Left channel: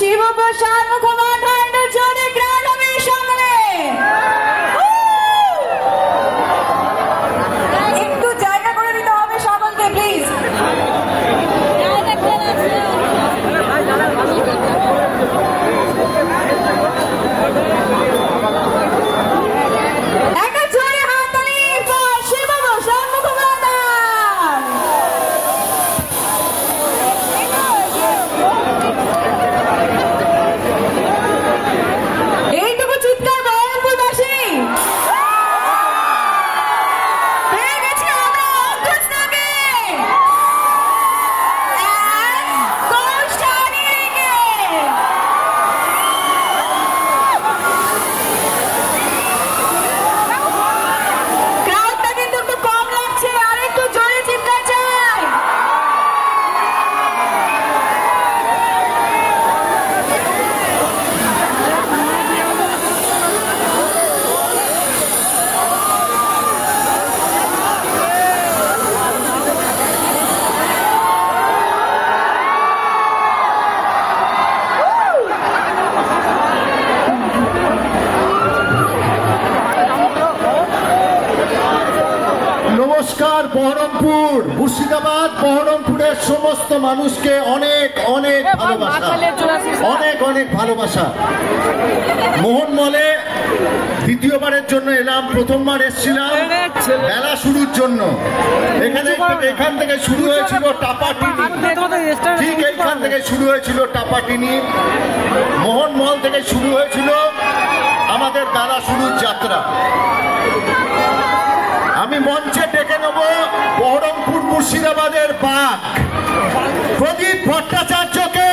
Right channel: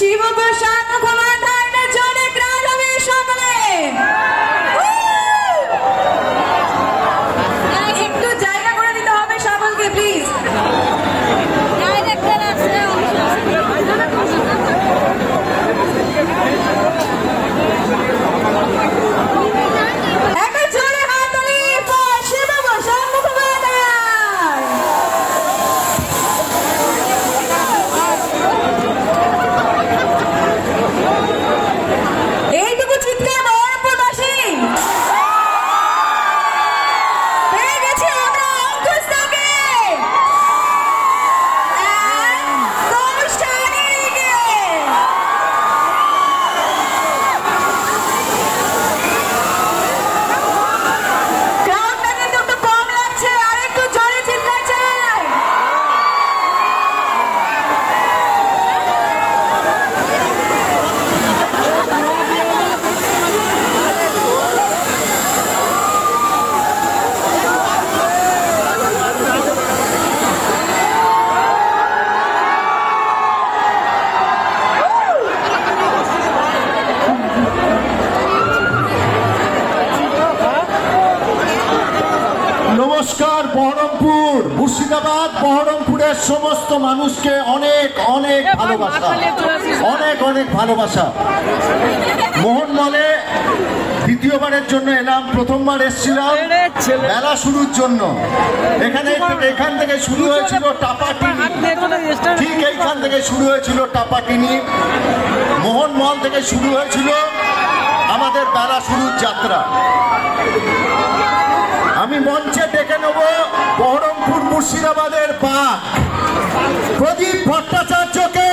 শিব প্রসাদ মুখোপাধ্যায় জোরে গ্রাম হবে সকলে। একটু জায়গা করে দিতে হবে সকলকে প্লিজ। নমস্কার বহরমপুর, মুর্শিদাবাদ বহরমপুরের সমস্ত মানুষকে অনেক অনেক ভালোবাসা, অনেক অনেক ভালোবাসা। মোহনমলে দ্বিতীয়বারের জন্য এলাম, প্রথমবার এসেছিলাম মেলা শুরুর জন্য। এখান থেকে শুরু হয়েছিল টাপাটিনি, ঠিক এইখান থেকে শুরু হয়েছিল টাপাটিনি। মোহনমল থেকে শুরু হয়েছিল আমাদের মেলা শুরুর যাত্রা। আমি মঞ্চে ডেকে নেব বহরমপুর মুর্শিদাবাদের বাঘ প্রদীপ ভট্টাচার্যকে।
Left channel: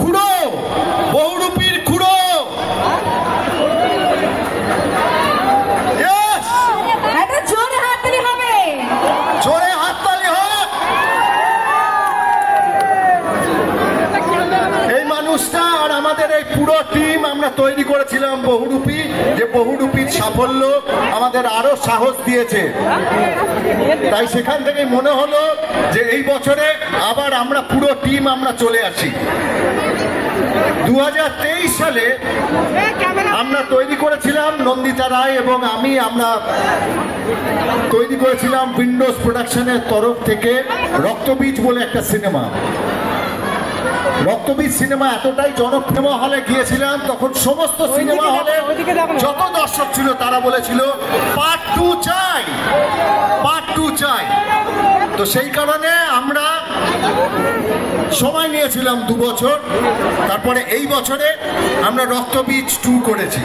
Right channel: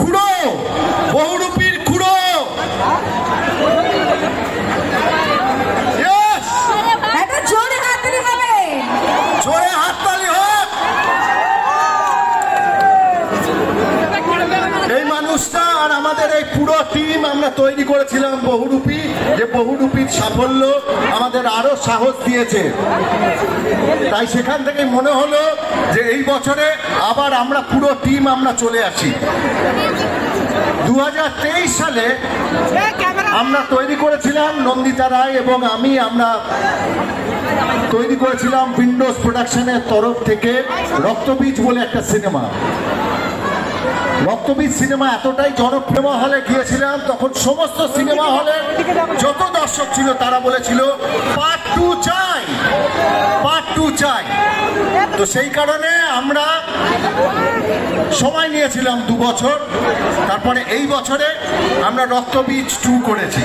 খুড়ো, বহুরূপীর খুড়ো। জোরে হাততালি হবে, জোরে হাততালি হোক। এই মানুষটা আর আমাদের এই পুরো টিম আমরা তৈরি করেছিলাম বহুরূপী, যে বহুরূপীর সাফল্য আমাদের আরো সাহস দিয়েছে। তাই সেখান থেকে মনে হলো যে এই বছরে আবার আমরা পুরো টিম আমরা চলে আসি। 2023 সালে আমরা তৈরি করেছিলাম, নন্দিতা রায় এবং আমরা তৈরি করেছিলাম উইন্ডোজ প্রোডাকশনের তরফ থেকে রক্তবীজ বলে একটা সিনেমা। রক্তবীজ সিনেমা এতটাই জনপ্রিয়, হলে গিয়েছিলাম তখন সমস্ত সিনেমা হলে যত দর্শক ছিল তারা বলেছিল পার্ট 2 চাই, পার্ট 2 চাই। তো সেই কারণে আমরা সময় নিয়েছিলাম 2 বছর। তারপরে এই বছরে আমরা রক্তবীজ 2 করেছি।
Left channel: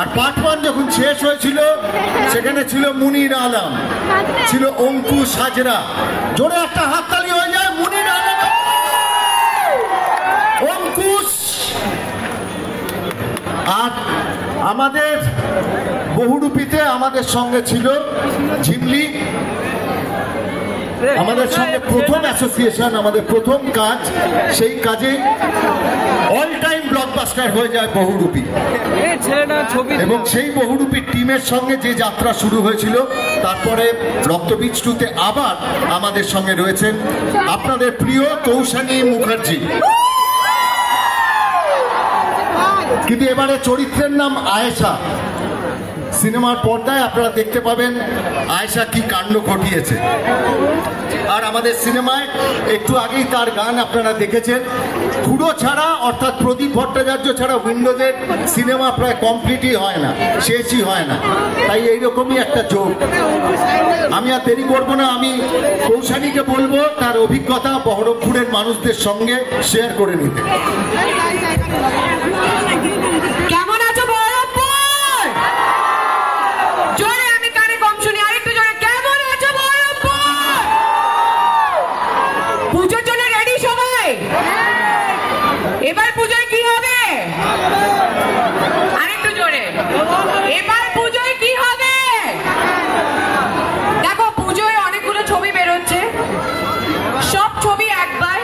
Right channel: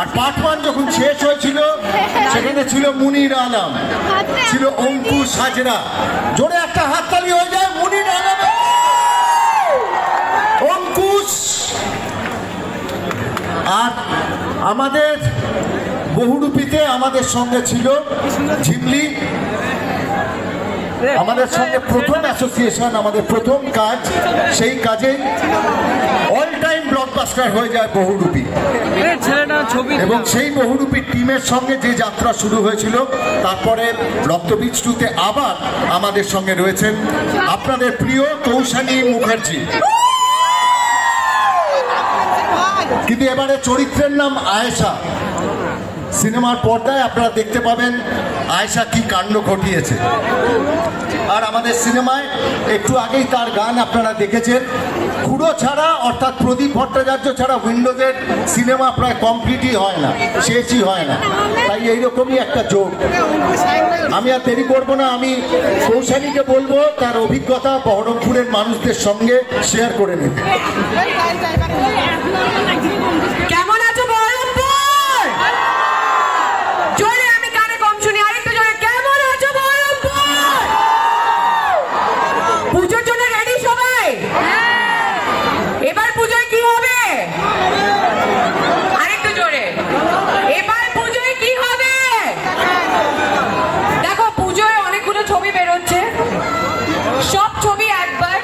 আর পার্ট 1 যখন শেষ হয়েছিল সেখানে ছিল মুনির আলম, ছিল অঙ্কুশ হাজরা। জোরে একটা হাততালি হয়ে যায় মুনির আলম, অঙ্কুশ। আর আমাদের বহুরূপীতে আমাদের সঙ্গে ছিল ঝিমলি, আমাদের সঙ্গে প্রথম অ্যাসোসিয়েশন, আমাদের প্রথম কাজ। সেই কাজে অল টাইম ব্লকবাস্টার হয়ে যায় বহুরূপী। এবং সেই বহুরূপী টিমের সঙ্গে যে যাত্রা শুরু হয়েছিল, তারপরে রক্তবীজ 2-তে আবার আমাদের সঙ্গে রয়েছেন আপনাদের প্রিয় তৌশানী মুখার্জি। কিন্তু এবারে চরিত্রের নাম আয়েশা। সিনেমার পর্দায় আপনারা দেখতে পাবেন আয়েশা কি কাণ্ড ঘটিয়েছে। আর আমাদের সিনেমায় একটু আগেই তার গান আপনারা দেখেছেন। খুড়ো ছাড়া, অর্থাৎ প্রদীপ ভট্টাচার্য ছাড়া উইন্ডোজের সিনেমা প্রায় কমপ্লিটই হয় না, শেষই হয় না। তাই এইরকমই একটা যোগ। আমি আর দেরি করবো না, আমি কৌশালীকে বলবো তার অভিজ্ঞতা বহরমপুরের মানুষদের সঙ্গে শেয়ার করে নিতে। কেমন আছো বহরমপুর? জোরে, আমি কানে কম শুনি, আরেকটু জোরে। কেমন আছো বহরমপুর? পুজোর জন্য রেডি সবাই? এবার পুজোয় কি হবে? আরেকটু জোরে। এবার পুজোয় কি হবে? দেখো, পুজোয় অনেকগুলো ছবি বেরোচ্ছে, সব ছবি একবার,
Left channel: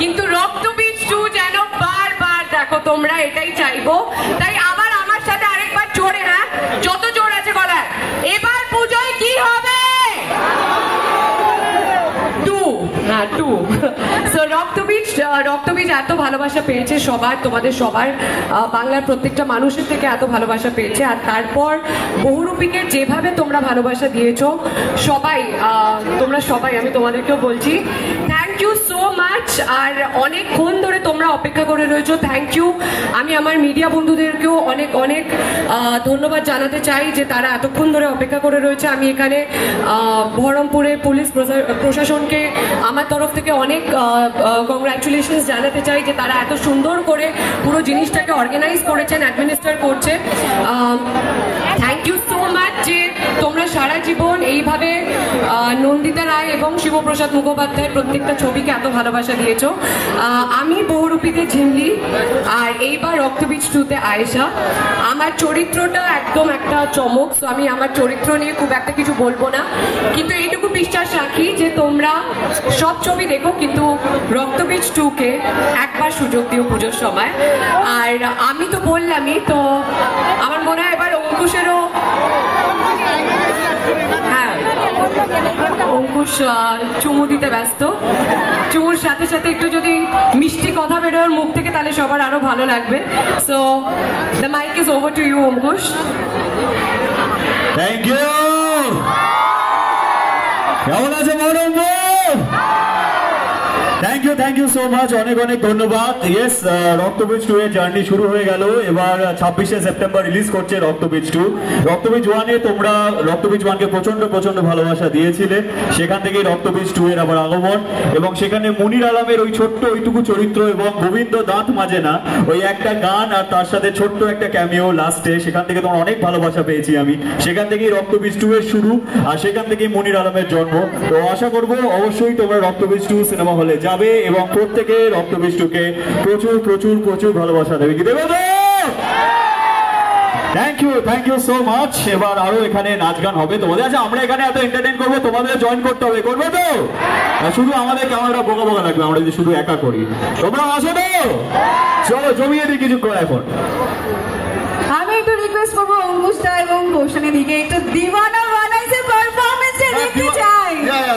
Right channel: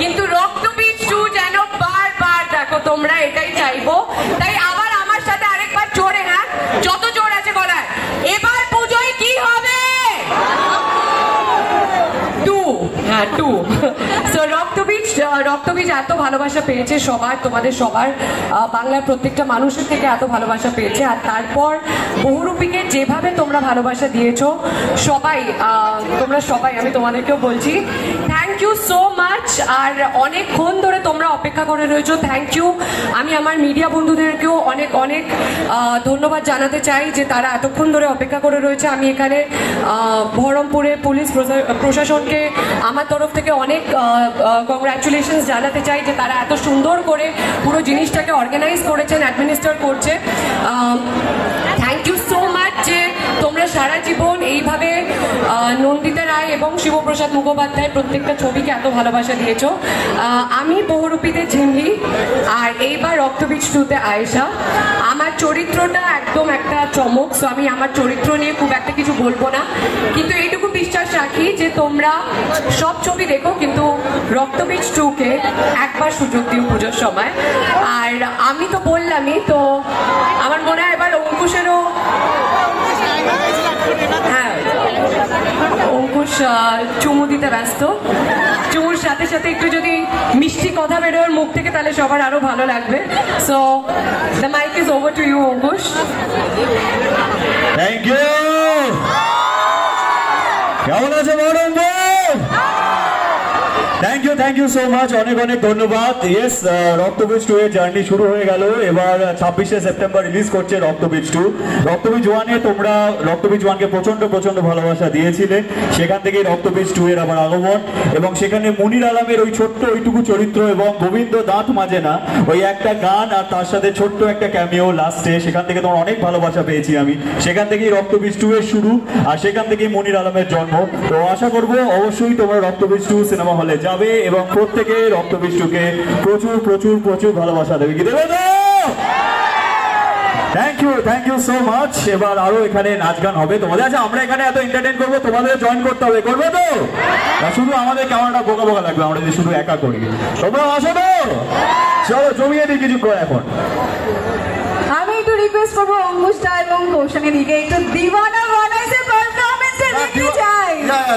কিন্তু রক্তবীজ 2 যেন বারবার দেখো তোমরা, এটাই চাইবো। তাই আবার আমার সাথে আরেকবার জোরে, হ্যাঁ, যত জোর আছে গলায়। এবার পুজোয় কি হবে? 2। 2 সো রক্তবীজ এত ভালোবাসা পেয়েছে সবার, তোমাদের সবার, বাংলার প্রত্যেকটা মানুষের থেকে এত ভালোবাসা পেয়েছে। আর তারপর বহুরূপীকে যেভাবে তোমরা ভালোবাসা দিয়েছো তোমরা সবাই, আমি তোমাদেরকেও বলছি থ্যাংক ইউ সো মাচ। আর অনেকক্ষণ ধরে তোমরা অপেক্ষা করে রয়েছো, থ্যাংক ইউ। আমি আমার মিডিয়া বন্ধুদেরকেও অনেক অনেক ধন্যবাদ জানাতে চাই যে তারা এতক্ষণ ধরে অপেক্ষা করে রয়েছে। আমি এখানে বহরমপুরে পুলিশ প্রশাসনকে আমার তরফ থেকে অনেক কংগ্রাচুলেশনস জানাতে চাই যে তারা এত সুন্দর করে পুরো জিনিসটাকে অর্গানাইজ করেছেন, অ্যাডমিনিস্ট্রেট করছে। থ্যাংক ইউ সো মাচ যে তোমরা সারা জীবন এইভাবে নন্দিতা রায় এবং শিবপ্রসাদ মুখোপাধ্যায় প্রত্যেকটা ছবিকে এত ভালোবাসা দিয়েছো। আমি বহুরূপীতে ঝিমলি, আর এইবার রক্তবীজ 2-তে আয়েশা। আমার চরিত্রটা একদম একটা চমক, সো আমি আমার চরিত্র নিয়ে খুব একটা কিছু বলবো না, কিন্তু এইটুকু বিশ্বাস রাখি যে তোমরা সব ছবি দেখো কিন্তু রক্তবীজ 2-কে একবার সুযোগ দিও পুজোর সময়। আর আমি তো বললামই, তো আমার মনে হয় এবার অঙ্কুশেরও, হ্যাঁ অঙ্কুশ চুমু দিতে ব্যস্ত, চুমুর সাথে সাথে একটু যদি মিষ্টি কথা বেরোয় মুখ থেকে তাহলে সবার আরো ভালো লাগবে। So the mic is over to you Ankush. Thank you. কেমন আছে madam? Thank you so much, অনেক অনেক ধন্যবাদ। ইয়েস, রক্তবীজ 2 এর জার্নি শুরু হয়ে গেল। এবার 26শে সেপ্টেম্বর রিলিজ করছে রক্তবীজ 2। রক্তবীজ 1-এ তোমরা রক্তবীজ 1-কে প্রচন্ড ভালোবাসা দিয়েছিলে, সেখান থেকেই রক্তবীজ 2 এর আবার আগমন। এবং সেখানে মনির আলমের ওই ছোট্ট ওইটুকু চরিত্র এবং গোবিন্দ দাঁত মাজে না ওই একটা গান, আর তার সাথে ছোট্ট একটা ক্যামিও লাস্টে, সেখান থেকে তোমার অনেক ভালোবাসা পেয়েছি আমি। সেখান থেকেই রক্তবীজ 2 এর শুরু, আর সেখান থেকেই মনির আলমের জন্ম। তো আশা করবো অবশ্যই তোমরা রক্তবীজ 2 সিনেমা হলে যাবে এবং প্রত্যেকে রক্তবীজ 2-কে প্রচুর ভালোবাসা দেবে। কি দেবে? Thank you so much. এবার আরো এখানে নাচ গান হবে তোমাদের। আচ্ছা, আমরা এখানে এত এন্টারটেইন করবো, তোমাদের জয়েন করতে হবে, করবে তো? শুধু আমাদের ক্যামেরাটা বোকা লাগবে আমরা যদি শুধু একা করি। তোমরা আসো তো, চলো জমিয়ে দিই কিছুক্ষণ। এখন আমি একটু রিকোয়েস্ট করবো অঙ্কুশটা এবং কৌশানী দিকে একটু দিওয়ানা বানাইছে পারফরমেন্সে দেখতে চাই।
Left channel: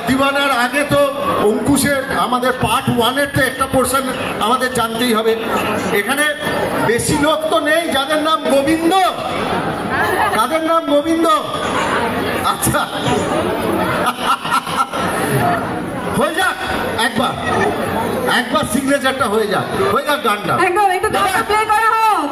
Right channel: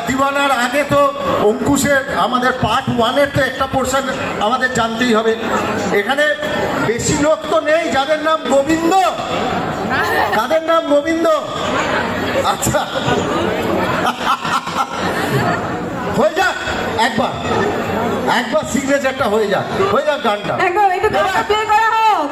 দিওয়ানার আগে তো অঙ্কুশের আমাদের পার্ট 1-এর তো একটা পোর্শন আমাদের জানতেই হবে। এখানে বেশি লোক তো নেই যাদের নাম গোবিন্দ। কাদের নাম গোবিন্দ? আচ্ছা, হয়ে যাক একবার সিগনেচারটা হয়ে যাক গানটা একদম একটু গানটা প্লে করা হোক।